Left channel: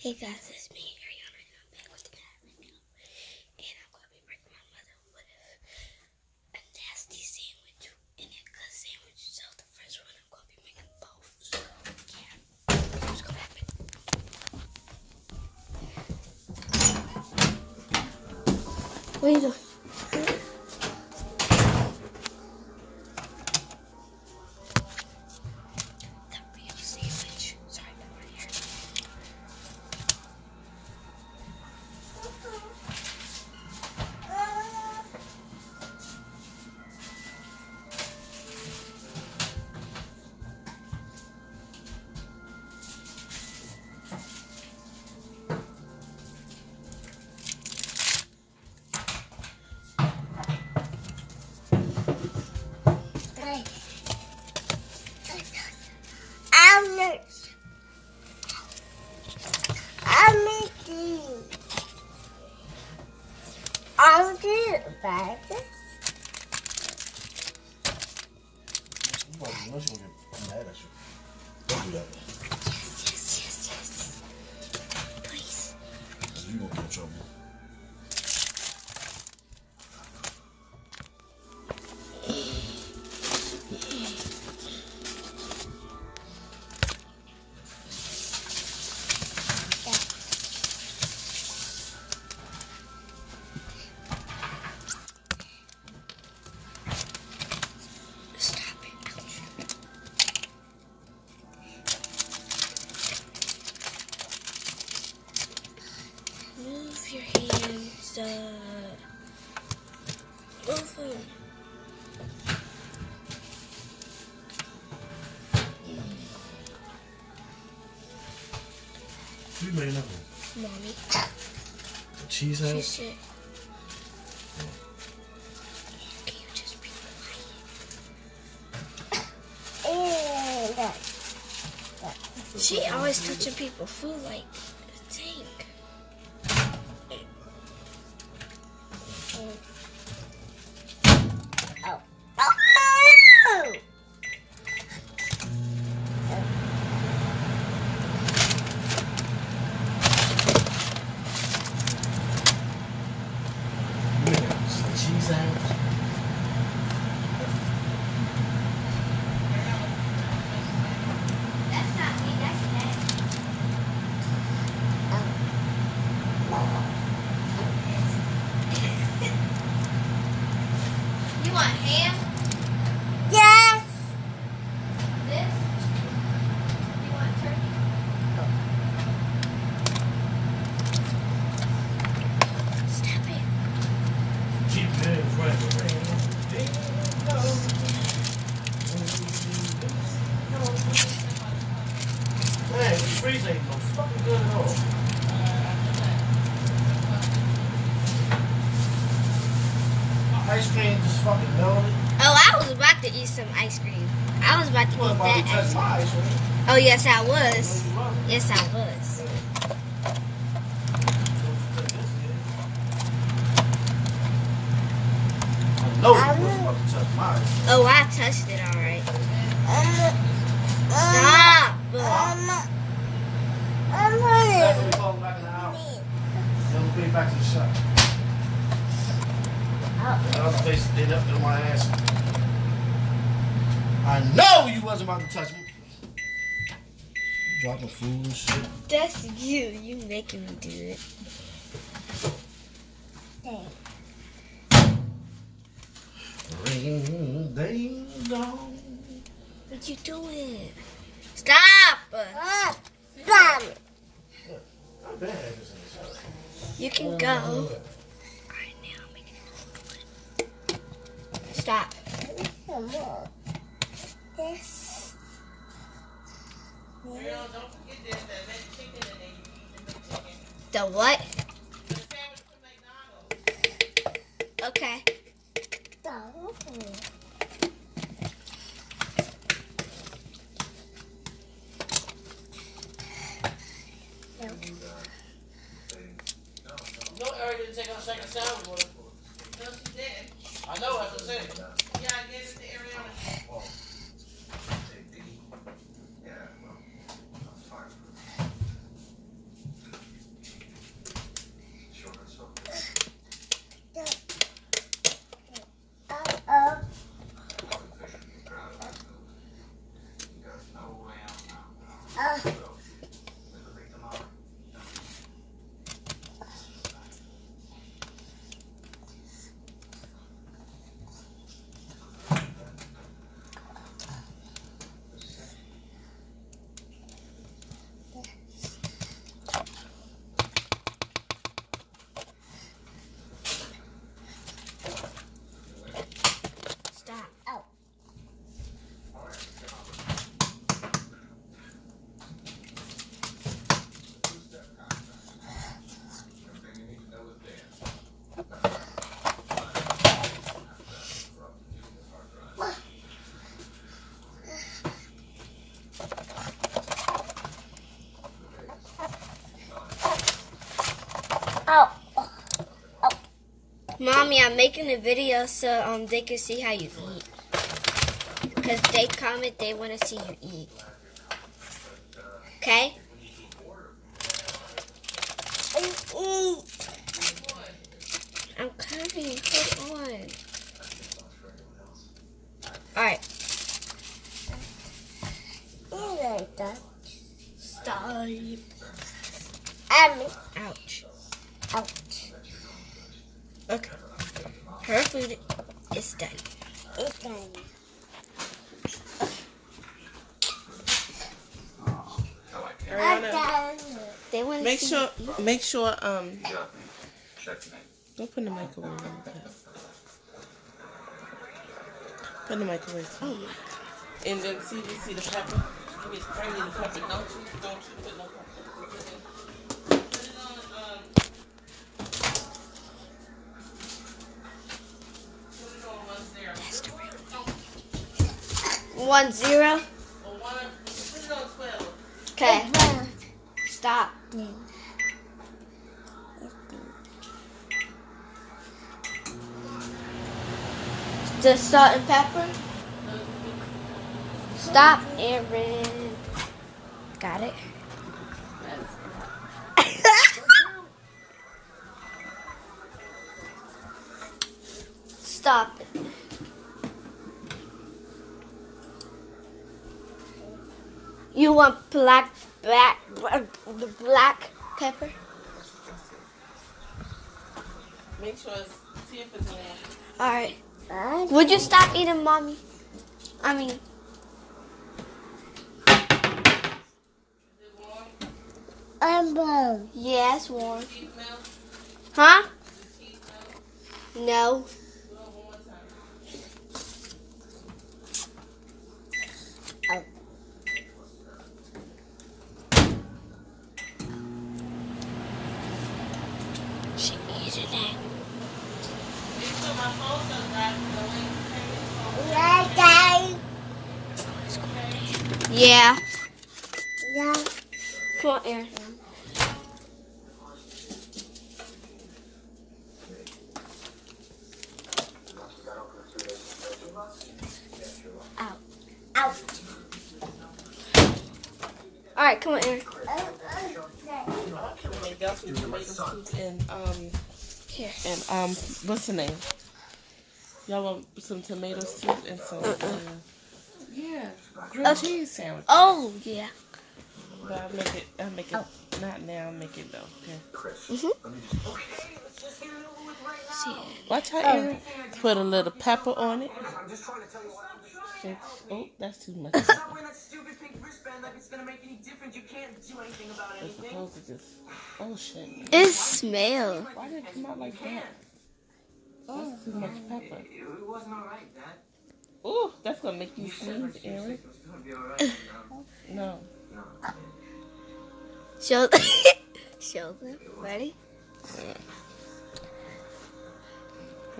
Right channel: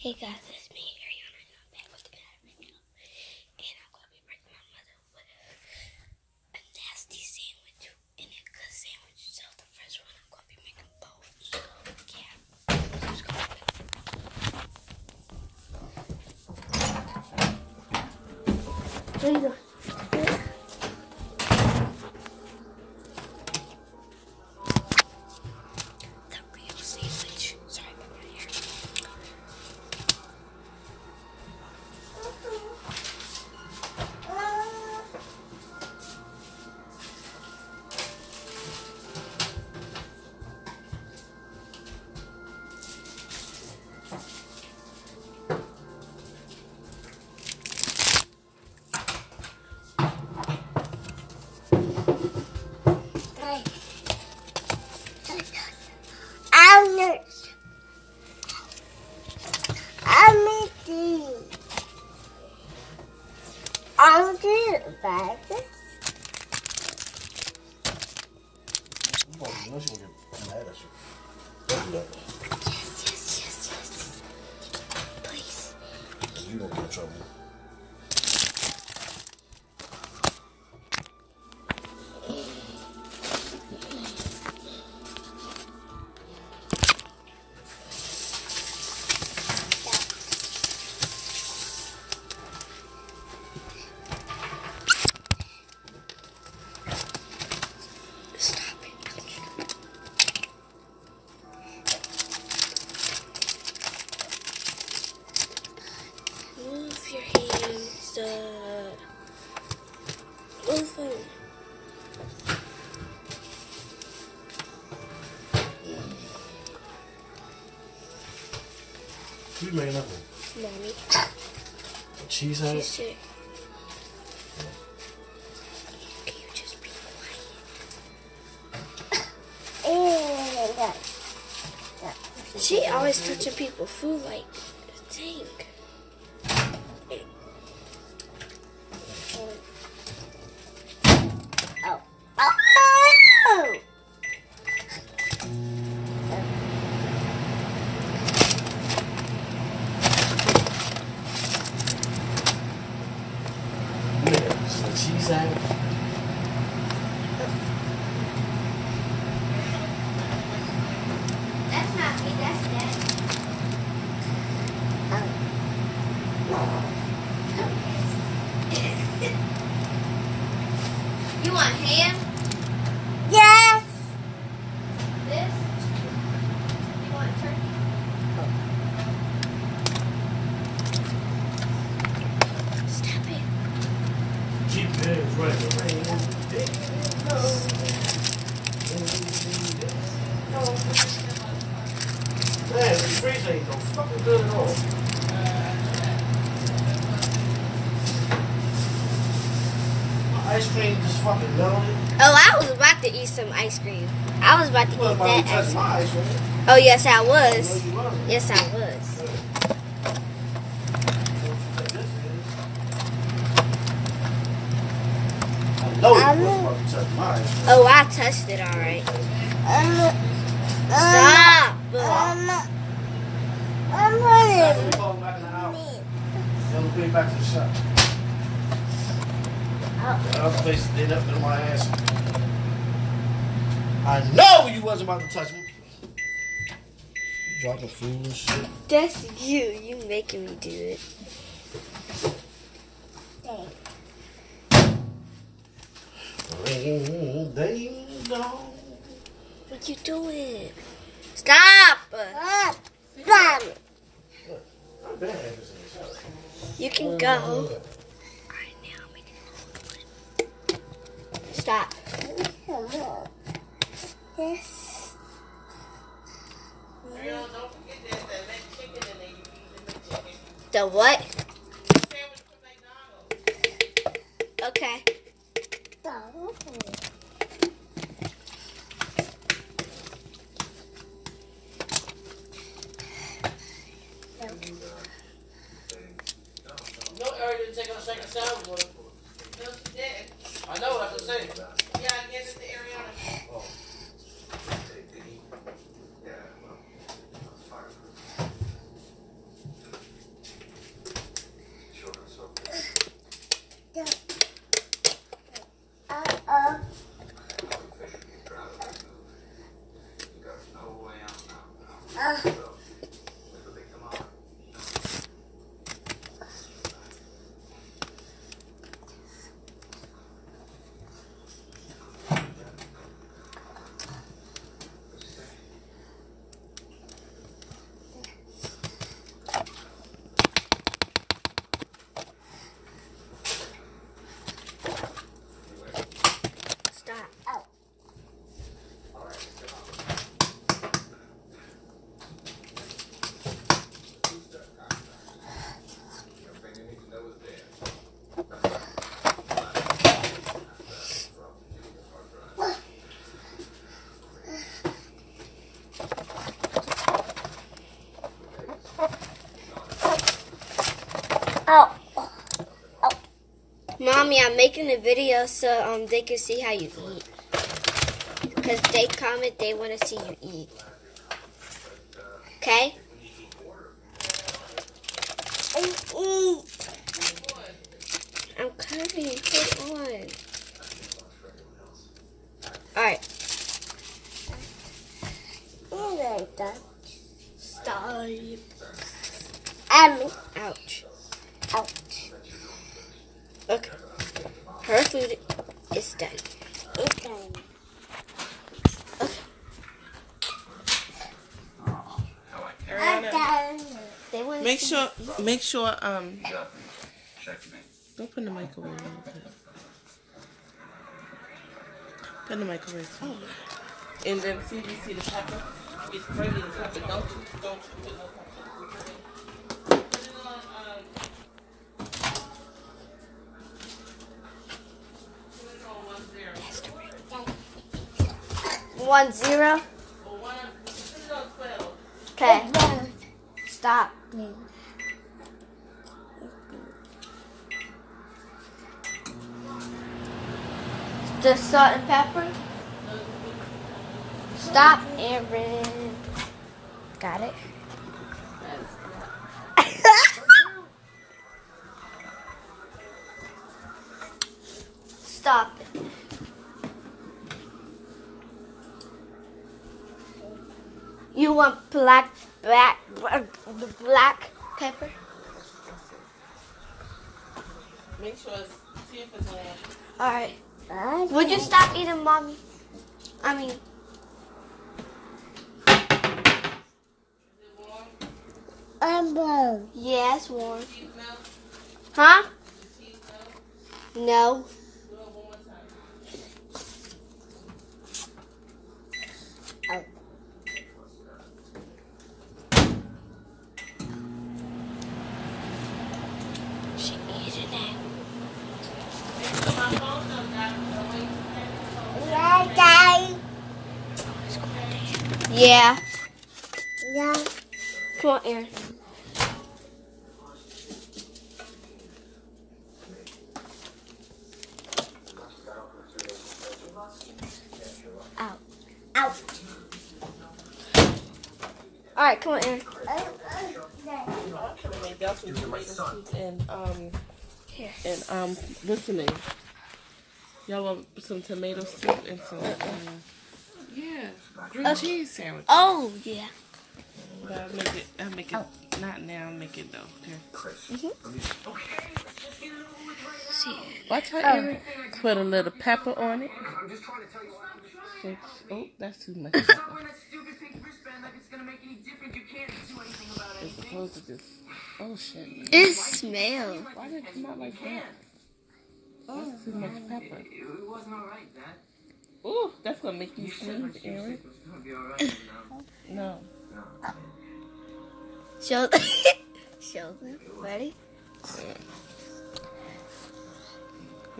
Hey guys, it's me, Ariana, and I'm back with the guy right now. And I'm going to be breaking my mother with a nasty sandwich and a good sandwich. So the first one, I'm going to be making both. So yeah, let's go. What are you doing? I'll do it about this. I'm going to get mad at you. Don't do that. Yes. Please. You don't get in trouble. Move your hands move them. You made nothing. Mommy. The cheese head? She said, can you just be quiet? She always touching people's food like, dang. The cheese sandwich. That's not me, that's that. You want ham? Yes. This? You want turkey? Stop it. Cheap pigs, right? Man, the freeze ain't no fucking good at all. My ice cream just fucking melted. Oh, I was about to eat some ice cream. I was about to You wasn't eat about to that touch ice my cream. ice cream. Oh, yes, I No, was. you wasn't. Yes, I was. I know you wasn't about to touch my ice cream. Oh, I touched it all right. Stop. That's what we call back in the house. Then we'll bring it back to the shop. The other place, they left it on my ass. I know you wasn't about to touch me. Dropping food and shit. That's you. You making me do it. Ring, ding, dong. What you doing? Stop. Stop. You can go. Alright, now I'm making it. Stop. Yes. Don't forget that chicken in there. You eat the chicken. The what? Sandwich from McDonald's. Okay. No, Eric didn't take a second sandwich with him. No, she did. I know, that's what I'm saying. Yeah, I gave it to Ariana. Oh. Oh. Oh. Mommy, I'm making a video so they can see how you eat. Because they comment they want to see you eat. Okay? I'm coming. Hold on. Alright. Stop. Ouch. Ouch. Okay. Her food is done. It's done. They want Make sure, don't put in the microwave. Put in the microwave. And then see the pepper. It's bringing the pepper. Don't you put no pepper. Put it on 1-0. Put it on 12. Okay. Stop. The salt and pepper. Stop, Aaron. Got it. Stop it. You want black pepper? Make sure see if it's warm. All right. Would you stop eating, Mommy? I mean. Yeah, it's warm. Huh? No. She eating it. Yeah. Yeah. Come on, Aaron. Out. Out. All right, come on, Aaron. Here. And what's the name? Y'all want some tomato soup and some grilled cheese sandwich. Oh yeah. But I'll make it not now, make it though. Okay. Watch how Aaron put a little pepper on it. Oh, that's too much pepper. It's supposed to just, oh shit. It smells. Why did it come out like that? That's too much pepper. Ooh, that's gonna make you sneeze, Aaron. No. Show them. Ready?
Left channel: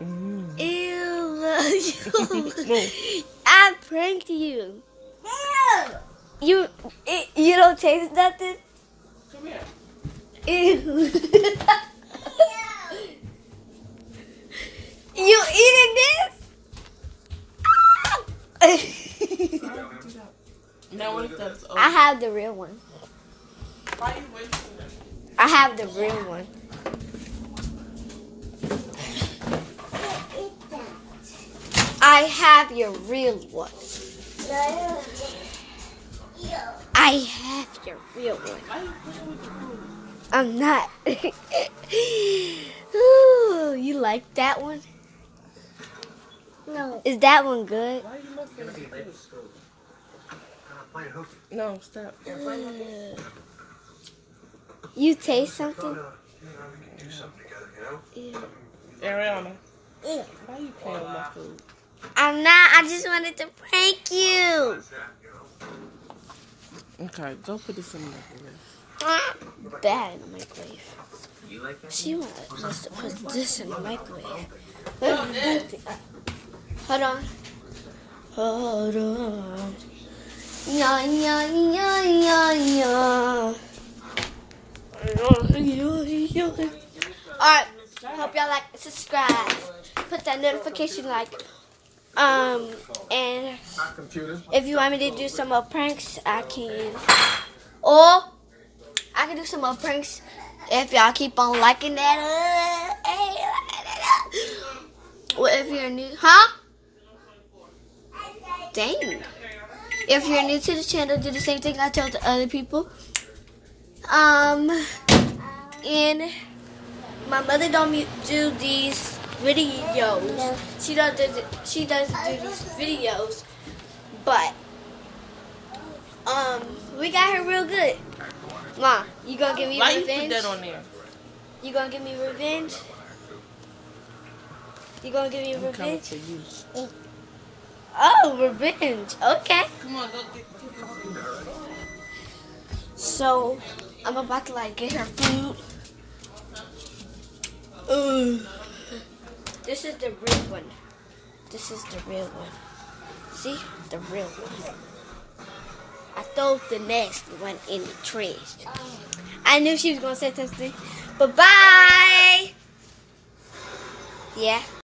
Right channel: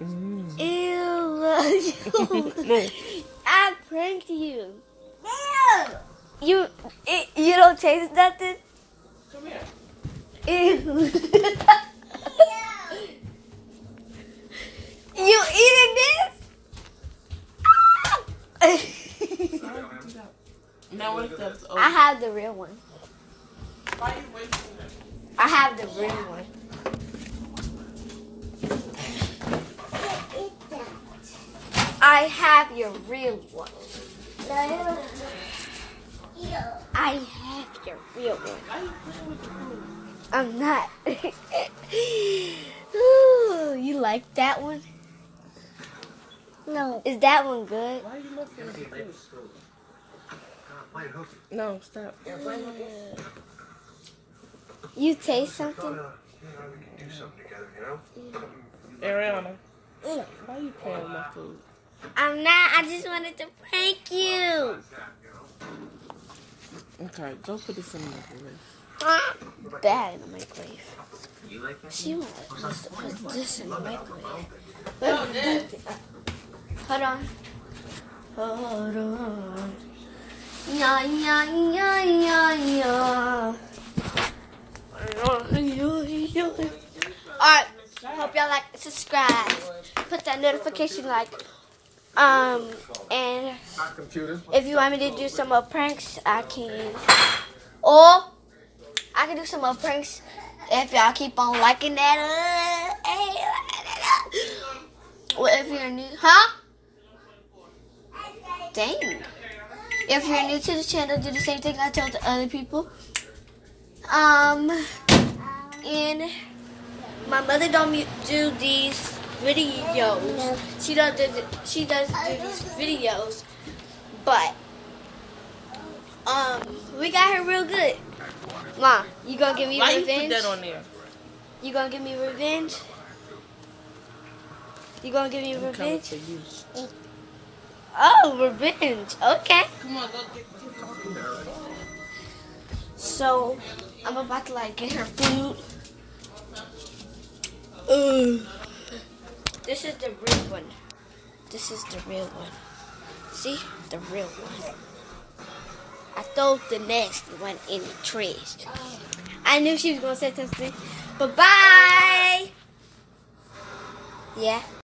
Ew. I pranked you. You don't taste nothing? Come here. Ew. You eating this? Now what if that's over? I have the real one. Why are you wasting it? I have the real one. I have your real one. I have your real one. I'm not. Ooh, you like that one? No. Is that one good? Why are you looking at this? No, stop. You taste something? Ariana, why are you playing with my food? I'm not. I just wanted to prank you. Okay, go put this in the microwave. Bad in the microwave. She wants to put this in the microwave. Hold on. Hold on. Yeah, yeah, yeah, yeah, yeah. Alright, hope y'all like, subscribe, put that notification like, and if you want me to do some more pranks, I can. Or I can do some more pranks if y'all keep on liking that. Well, if you're new, Dang. If you're new to the channel, do the same thing I told the other people. And my mother don't do these videos. She doesn't do these videos, but we got her real good. Mom, you gonna give me revenge? Why you put that on there? You gonna give me revenge? You gonna give me I'm coming revenge? for you. Oh, revenge. Okay. Come on, So, I'm about to like get her food. This is the real one. This is the real one. See? The real one. I threw the nasty one in the trash. I knew she was going to say something. Bye-bye. Yeah.